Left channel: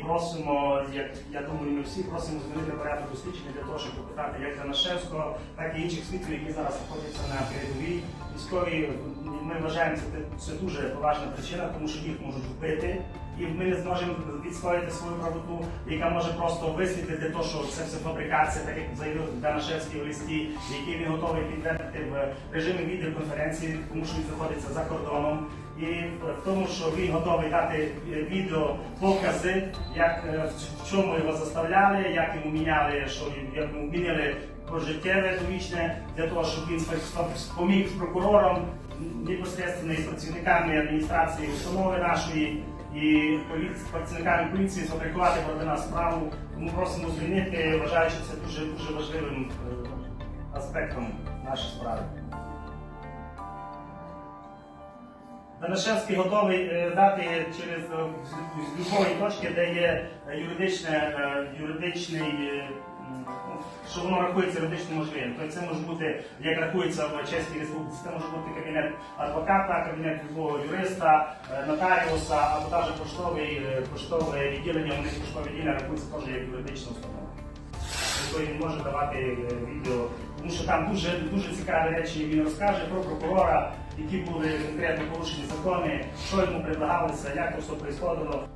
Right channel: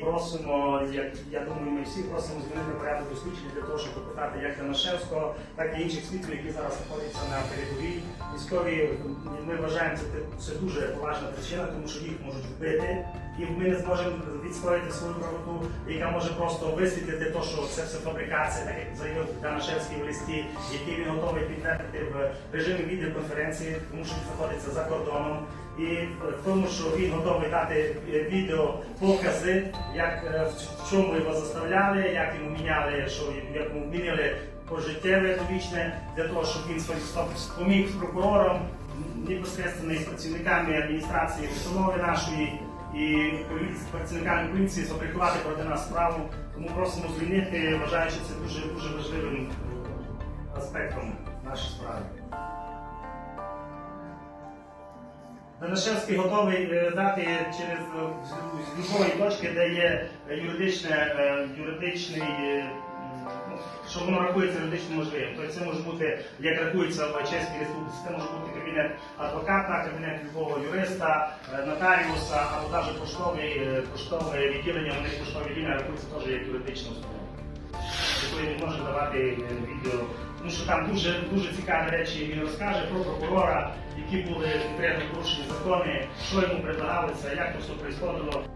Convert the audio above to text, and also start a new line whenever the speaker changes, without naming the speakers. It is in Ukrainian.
просимо, як я думаю, ми всі просимо змінити порядок дослідження для того, щоб допитати як Данашевського, так і інших свідків, які зараз знаходяться на передовій. Військові ми вважаємо це, це дуже поважна причина, тому що їх можуть вбити, і ми не зможемо відстояти свою правоту, яка може просто висвітлити те, що це все фабрикація, так як заявив Данашевський у листі, який він готовий підтвердити в режимі відеоконференції, тому що він знаходиться за кордоном. І в тому, що він готовий дати відео покази, як е, в чому його заставляли, як йому міняли, що як йому міняли пожиттєве довічне для того, щоб він поміг прокурорам непосередньо з працівниками адміністрації установи нашої і працівниками поліції сфабрикувати проти нас справу. Тому просимо звільнити, вважаю, що це дуже дуже важливим е, аспектом нашої справи. Данашевський готовий е, дати через е, з- з точки, де є е, юридичне, юридичний, ну, що воно рахується юридично можливим. Тобто це може бути, як рахується в Чеській Республіці, це може бути кабінет адвоката, кабінет любого юриста, нотаріуса, або навіть поштовий, поштове відділення, у них поштове відділення рахується теж як юридична установа якої він може давати відео. Тому що там дуже дуже цікаві речі він розкаже про прокурора, які були конкретно порушені закони, що йому предлагалося, як це все происходило.